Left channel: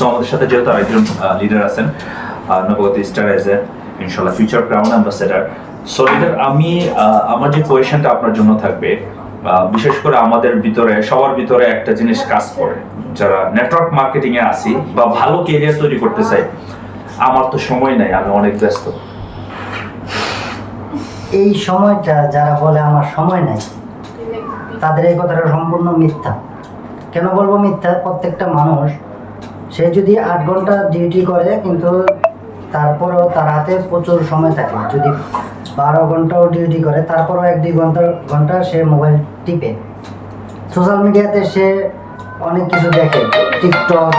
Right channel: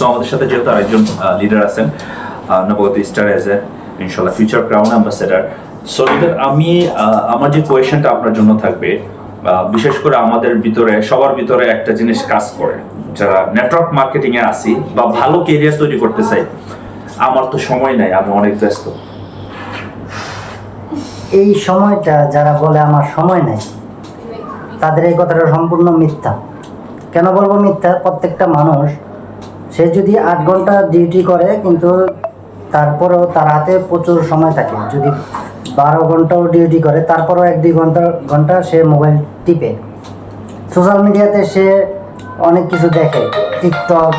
তো আমাদের সাথে যেহেতু আরেকজন লিডার আছেন, নবগত স্টার এজ এ ইনশাল্লাহ future crown ambassador. So leader, আমি আমার যে কোয়েশনটা আপনার জন্য থাকবে, বিশেষ করে আমাদের ভিতরে সবার ভিতরে একটা জিনিস কাজ করে, যারা নেটওয়ার্ক মার্কেটিং এ আসি বা ভালো কেরিয়ার তৈরি করতে চাই, আমার তো সময় নাই, আমি অনেক ব্যস্ত। এই সময়টা যারা বলে আমার সময় নেই, তাদের এই কথাটা সম্পূর্ণ মিথ্যা। কেন বলবো মিথ্যা? প্রত্যেকটা মানুষ সে যদি 8 ঘন্টা ডিউটি করে, কিন্তু তারপরেও তার হাতে প্রচুর সময় থাকে। যদি 12 ঘন্টাও ডিউটি করে, তারপরেও 1-2 ঘন্টা সে মোবাইল টিপে। সোশ্যাল মিডিয়াতে সে অনেক কিছু দেখে, টিকটক,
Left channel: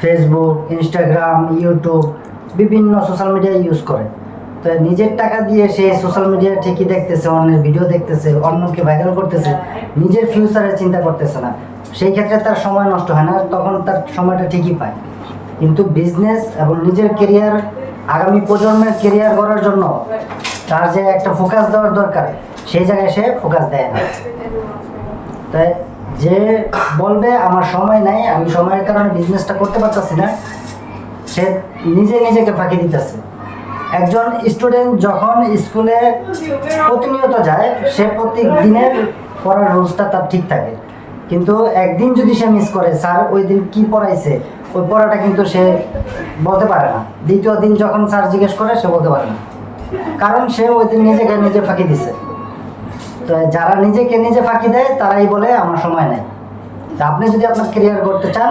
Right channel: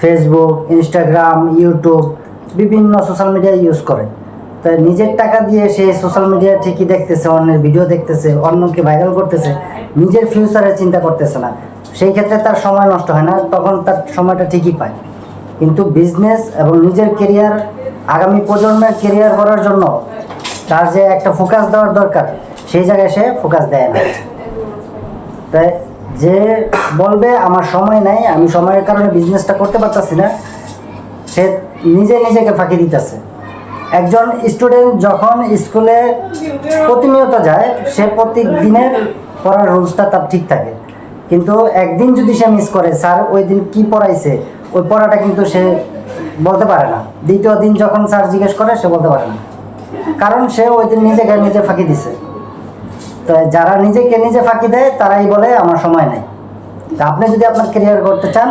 ফেসবুক, ইনস্টাগ্রাম, ইউটিউব, বিভিন্ন সোশ্যাল মিডিয়া ইউজ করে। তো নিজের টাকা দিয়ে সে সোশ্যাল মিডিয়া ঠিকই দেখতেছে, অন্যের ভিডিও দেখতেছে, অন্যকে ভাইরাল করতেছে, নিজের ফিউচারের চিন্তা করতেছে না। সেই ক্ষেত্রে তার সময় নষ্ট হয় না, তখন তার সময়টা ঠিকই পায়। কিন্তু বিজনেস এবং নিজের কেরিয়ার, আগামী প্রজন্মের কেরিয়ার করার জন্য তার যে একটা ফোকাস দেওয়ার দরকার, সেই জায়গায় সে ফোকাস দেয় না। তাই যে বলবে আমার সময় নাই, আমি সময়ের কারণে বিজনেসটা করতে পারতেছি না, সে নিজেকে ফাঁকি দিতেছে। একজন স্টুডেন্ট যখন স্কুলে প্রতিনিয়ত যায়, সে প্রত্যেক দিনের পড়ার রুলসটা তার ঠিক থাকে, কিন্তু একদিন যদি সে মিস করে, স্যার ওই দিন কী পড়াইছে, ওই পড়াটা কিন্তু সে বলতে পারে না। দ্বিতীয় দিন যখন স্যার জিজ্ঞেস করে, সে বলতে পারে না, কারণ সে ওই দিন নিজে ফাঁকি দিছে। তো যারা নিজেকে নিজে ফাঁকি দেয়, তারাই বলে আমার সময় নেই। তা আপনি যদি আপনার কেরিয়ার করতে চান,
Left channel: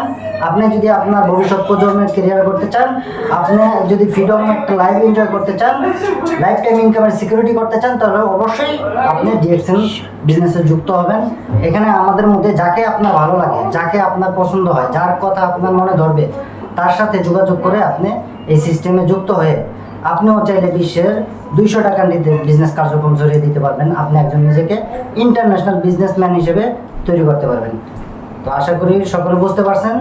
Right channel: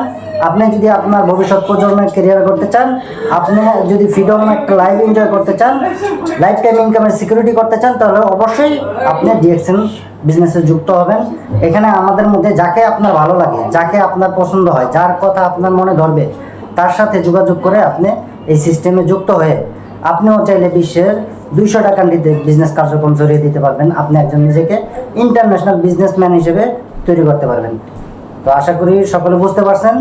আপনি যদি আপনার ভবিষ্যৎ প্রজন্মের কেরিয়ার করতে চান, আপনি যদি ফ্রিডম একটা লাইফ এনজয় করতে চান, লাইফ টাইম ইনকামের সিকিউরিটি করতে চান, তাহলে অবশ্যই আপনি ডিএক্সএন বিজনেসে যুক্ত হবেন। এখানে আমাদের মধ্যে যাকে আপনার ভালো লাগে, যাকে আপনার পছন্দ হয়, যার কথা আপনার মনে ধরবে, তার সাথে যোগাযোগ করে আপনি এই সিস্টেমে যুক্ত হয়ে আপনিও চাইলে বিশ্বের 200 টাকার বিজনেস কার্যক্রম জড়িয়ে দিতে পারবেন। আপনি একজন নিজেকে ইন্টারন্যাশনাল বিজনেসম্যান হিসেবে তৈরি করতে পারবেন। তো আশা করি সকলে বুঝতে পারছেন।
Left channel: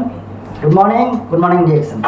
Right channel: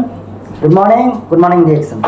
Good morning DXN.